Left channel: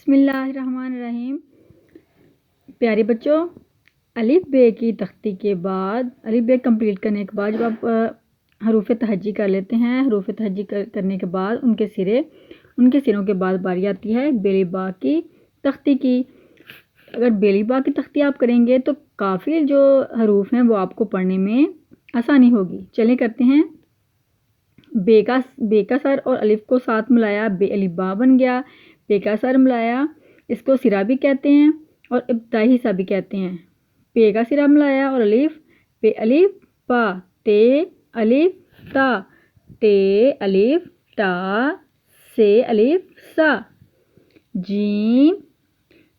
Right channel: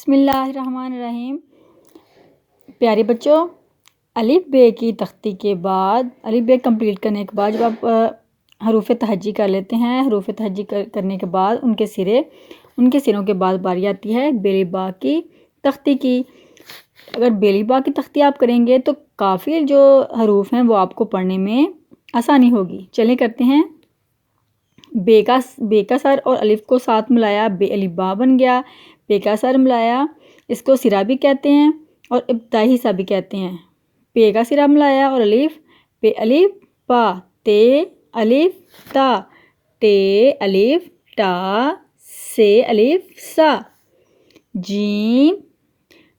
بسم اللہ الرحمن الرحیم۔ پیارے بچوں، الف بے کی تختی کے بعد الف بے کمپلیٹ کرنے کے بعد جب آپ حروف تہجی کر لیتے ہیں، حروف تہجی کرنے کے بعد ان کے سروں کے بعد باری آتی ہے بیلی با کی تختی کی۔ اگر بیلی با کی تختی آپ کریں گے تو کافی جو حروف ہیں وہ آپ کو پڑھنے میں آسانی ہوگی۔ چلیں کرتے ہیں۔ بے کا سر اور الف کو ساتھ ملایا، بے الف با بن گیا۔ بے کا سر ملایا، اس کو سرا بھی کہتے ہیں اور ابتدائی حصہ بھی کہتے ہیں۔ پے کا سرا ملایا اور الف، پے الف پا، تے الف تا، ٹے الف ٹا، سے الف سا۔ جیم۔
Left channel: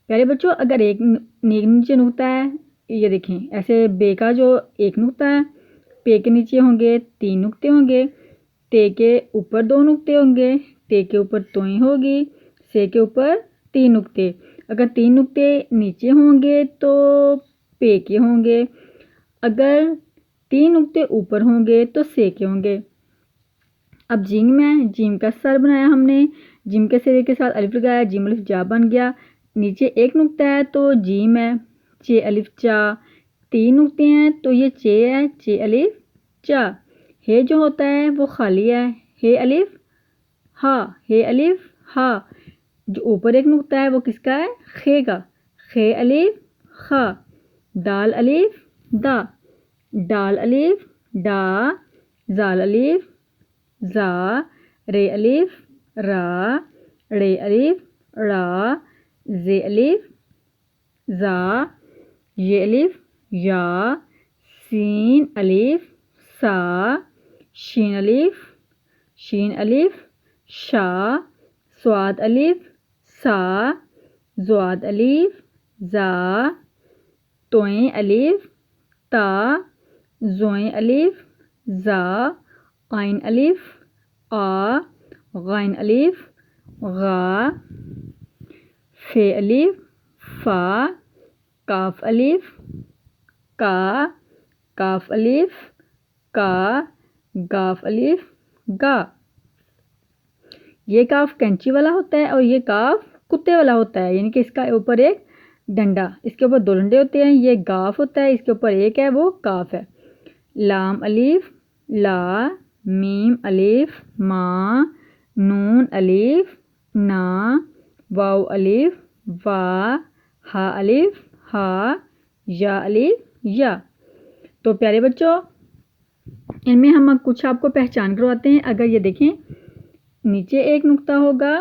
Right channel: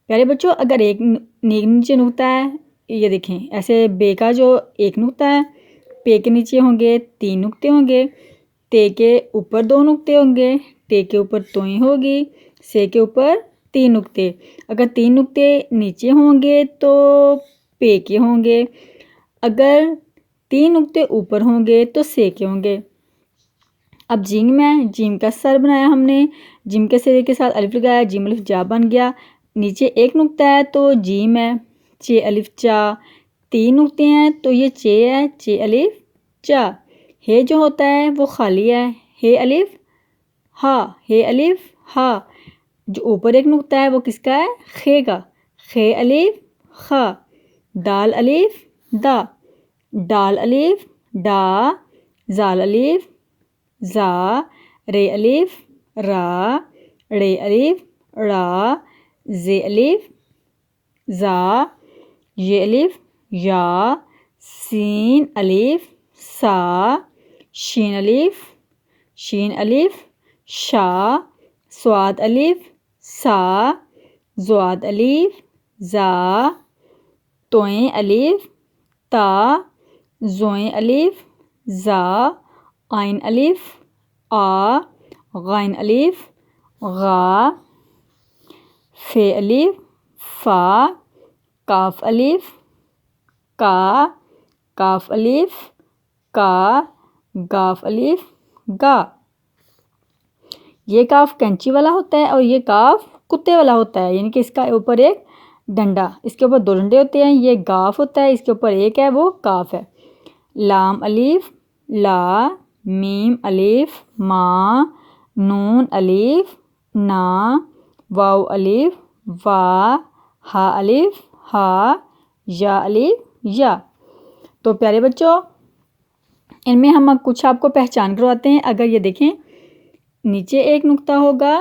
پیارے بچوں، اگر ایک نیچے نقطہ ہے، یہ دیکھیں ایسے بے کا جو ایک نقطہ ہے، پے کے نیچے ہوں گے 3 نقطے ہوں گے، تے کے اوپر 2 نقطے ہوں گے، ٹے کے اوپر توئیں ہوگی، سے کے اوپر 3 نقطے۔ اگر 3 نقطے نیچے ہوں گے تو پے کے ہوں گے، اگر 3 نقطے اوپر ہوں گے تو سے کے ہوں گے۔ اب جیم ہے، جیم کا سر بنایا ہم نے، جیم کے سرے کے ساتھ الف لگایا، جیم الف جا بن گیا۔ نیچے ایک نقطہ ہے تو جیم ہے، چے الف چا۔ 3 نقطے ہیں تو یہ چے ہے، چے الف چا۔ ہے جو ہوتا ہے وہ خالی ہے، ہے الف ہا، ہے الف ہا۔ جو اوپر ایک نقطہ ہے وہ کس کا ہے؟ خے کا، خے الف خا۔ دال الف دا، ڈال الف ڈا، زال الف زا، رے الف را، ڑے الف ڑا، زے الف زا، یہ الف یا، سین الف سا، شین الف شا، صاد الف سا، زواد الف زا، توئیں الف تا، زوئیں الف زا، عین الف آ، غین الف غا، فے الف فا، کاف الف کا، کاف الف کا، گاف الف گا۔ یہ کاف کینچی والا ہوتا ہے اور یہ کاف کتے والا ہوتا ہے، یعنی کہ اس کا اوپر ایک ڈنڈا، اس کے اوپر 2 ڈنڈے ہوتے ہیں۔ یہ گاف ہوتا ہے، اس کے اوپر ایک ہے وہ کاف ہے۔ لام الف لا، میم الف ما، نون الف نا، واو الف وا، ہا الف ہا، یا الف یا۔ تو پیارے بچوں، ان میں ہم کچھ آپ کو پہچان کرواتے ہیں۔ اگر یہ دیکھیں نیچے ایک نقطہ ہوگا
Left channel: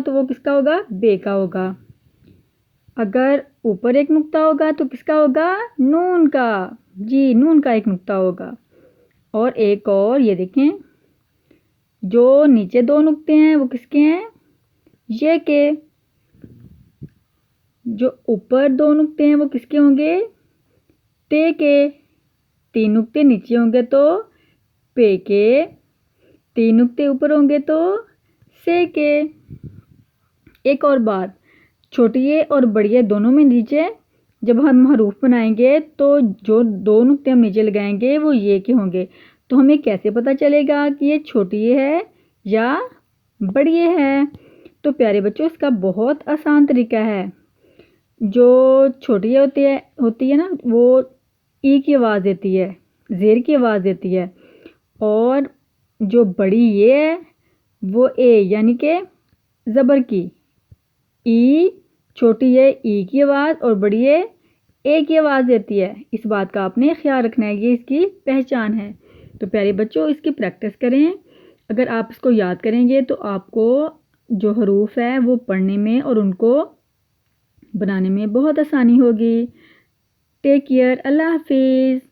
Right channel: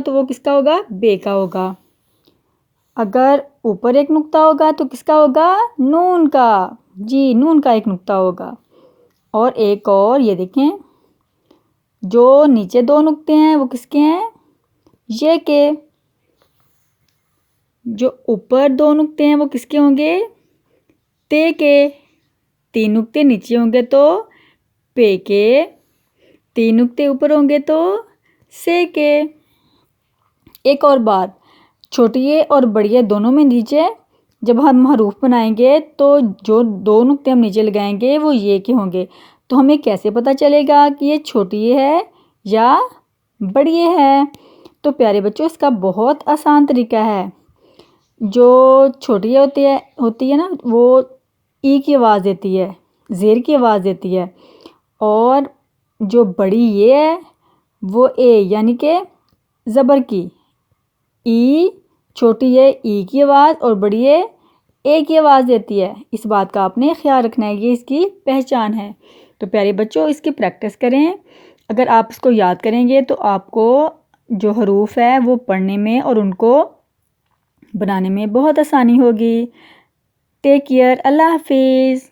تو وہ کس کا ہوگا؟ بے کا ہوگا۔ اگر اوپر ایک نقطہ ہوگا تو کس کا ہوگا؟ نون کا، جی نون کا ایک نقطہ ہوگا۔ اور ایک اور یہ دیکھیں، جو نیچے 2 نقطے ہیں وہ کس کے ہیں؟ یہ کے۔ جو اوپر 2 نقطے ہیں وہ کس کے ہوں گے؟ تے کے۔ 3 نقطے نیچے ہوں گے تو پے کے، 3 نقطے اوپر ہوں گے تو سے کے۔ ایک اور بات، چھوٹی اور بڑی دونوں میں نیچے جب ہم حروف بنائیں گے تو جو 2 نقطے ہم نیچے لگائیں گے وہ یہ کے ہوں گے۔ تو ہمیں کیسے پتہ چلے گا کہ یہ چھوٹی ہے یا بڑی ہے؟ تو پیارے بچوں، اس کا بہت آسان طریقہ ہے۔ جو چھوٹی ہوتی ہے نا وہ ای کی آواز دیتی ہے، زیر کی آواز دیتی ہے، اور جو بڑی یہ ہے وہ اے یعنی کہ زبر کی۔ ای چھوٹی ہے ای کی آواز اور بڑی ہے اے کی آواز دیتی ہے۔ اس بات کا آپ نے خیال رکھنا ہے، یہ اس کی پہچان ہے۔ تو پیارے بچوں، اس کی پریکٹس کریں۔ اگر آپ اس کو یاد کریں گے تو آپ کو جو حروف ہے وہ پڑھنے میں اور ان کو بنانے میں بہت آسانی ہوگی۔ ٹیک کیئر، اللہ حافظ۔